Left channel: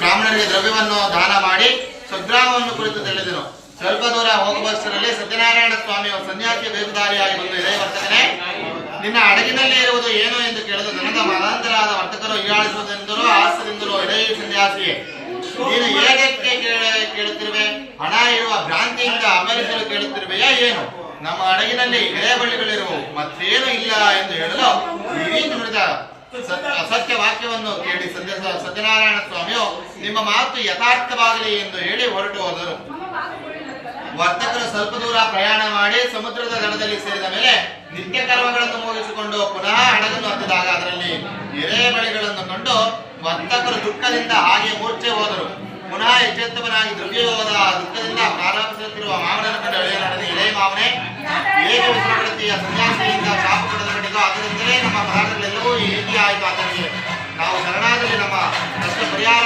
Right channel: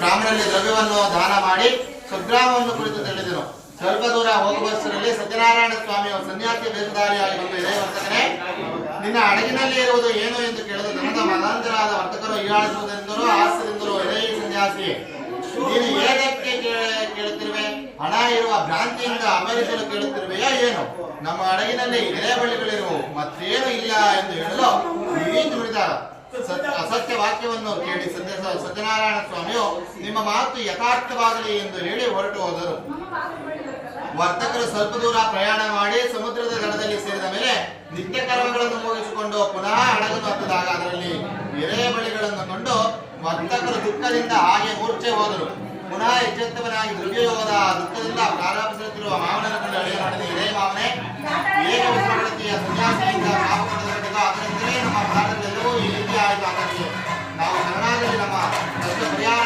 ಬ್ರಾಹ್ಮಣರಿಗೆ ದ್ರವ್ಯವನ್ನು ದಾನ ಮಾಡಿ ಸದ್ಗ್ರಾಮವನ್ನು ಕುರಿತು ತಿಳಿದನು. ಸ್ವಲ್ಪ ದೂರ ಹೋಗುವಷ್ಟರಲ್ಲಿ ಸತ್ಯನಾರಾಯಣ ಸ್ವಾಮಿಯವರು ಸನ್ಯಾಸಿ ವೇಷಧಾರಿಯಾಗಿ ಬಂದು, ಇದೇ ವರ್ತಕನೇ, ನಿನ್ನ ಹಡಗಿನಲ್ಲಿ ಇರುವುದು ಏನು ಎಂದು ಕೇಳಿದ ನನಗ ಮತಾಂತರಾದ ವರ್ತಕರು ಹೀಯಾಳಿಸುವುದೆಂದರೋ ಹಾಸ್ಯದಿಂದಲೋ, ಇದೇ ಸನ್ಯಾಸಿ, ನೀನು ಏಕಕ್ಕೆ ಕೇಳುತ್ತಿರುವೆ? ಹಣ ಇರುವ ಭ್ರಾಂತಿಯಿಂದ ಅಮರಿಸಲು ಕೇಳುತ್ತಿರುವೆಯಾ ಏನು? ನಮ್ಮ ಹಡಗಿನಲ್ಲಿ ಇದೇ ಬಳಿಗಳಿರುವು, ಮತ್ತೇನು ಇಲ್ಲ ಎಂದು ಹೇಳಲು ಈ ರೀತಿ ನುಡಿದ. ಅಸತ್ಯ ವಾಕ್ಯವನ್ನು ಕೇಳಿ ಸತ್ಯನಾರಾಯಣ ಸ್ವಾಮಿಯು ನಿಮ್ಮ ಮಾತು ಯಥಾರ್ಥವಾಗಲಿ ಎಂದು ಹೇಳಿ ಹೊರಟು ಹೋದರು. ವರ್ತಕರು ಸ್ವಲ್ಪ ದೂರ ಪ್ರಯಾಣ ಮಾಡಿ ಸಮುದ್ರದ ದಡದಲ್ಲಿ ಸೇರಿದ ಮೇಲೆ ನಿತ್ಯ ಕರ್ಮಗಳನ್ನು ಮುಗಿಸಿಕೊಂಡು ಪುನಃ ಹಡಗನ್ನು ಹತ್ತಿದಾಗ ಅದರಲ್ಲಿ ಎರೆಬಳಿಗಳನ್ನು ಕಂಡು ವರ್ತಕರು ದುಃಖದಿಂದ ಹಾಗೆ ಮೂರ್ಛೆ ಹೋದರು. ಪುನಃ ಎಚ್ಚೆತ್ತವನಾಗಿ ದ್ರವ್ಯೋಗದ ದುಃಖದಿಂದ ಪ್ರಾರಂಭಿಸುತ್ತಿರುವ ಮಾವನನ್ನು ಕಂಡು ಅಳಿಯ ನಡೆದ, ಎಳೆ ಮಾವನೇ, ಹೇಗೆ ವಿಶ್ರಮಡುತ್ತೀಯ? ಸನ್ಯಾಸಿಯಿಂದ ಶಾಪ ಪಡೆದ ಕಡೆಗೂ ಅದರಂತೆಯೇ ನಮ್ಮ ಪದಾರ್ಥಗಳೆಲ್ಲವೂ ಹೇಗೆ ಆಯಿತು. ಆತನಿಗೆ ನಾವು ಶರಣಾಗಲಿ ನಮ್ಮ ಕಷ್ಟ ಪರಿಹಾರ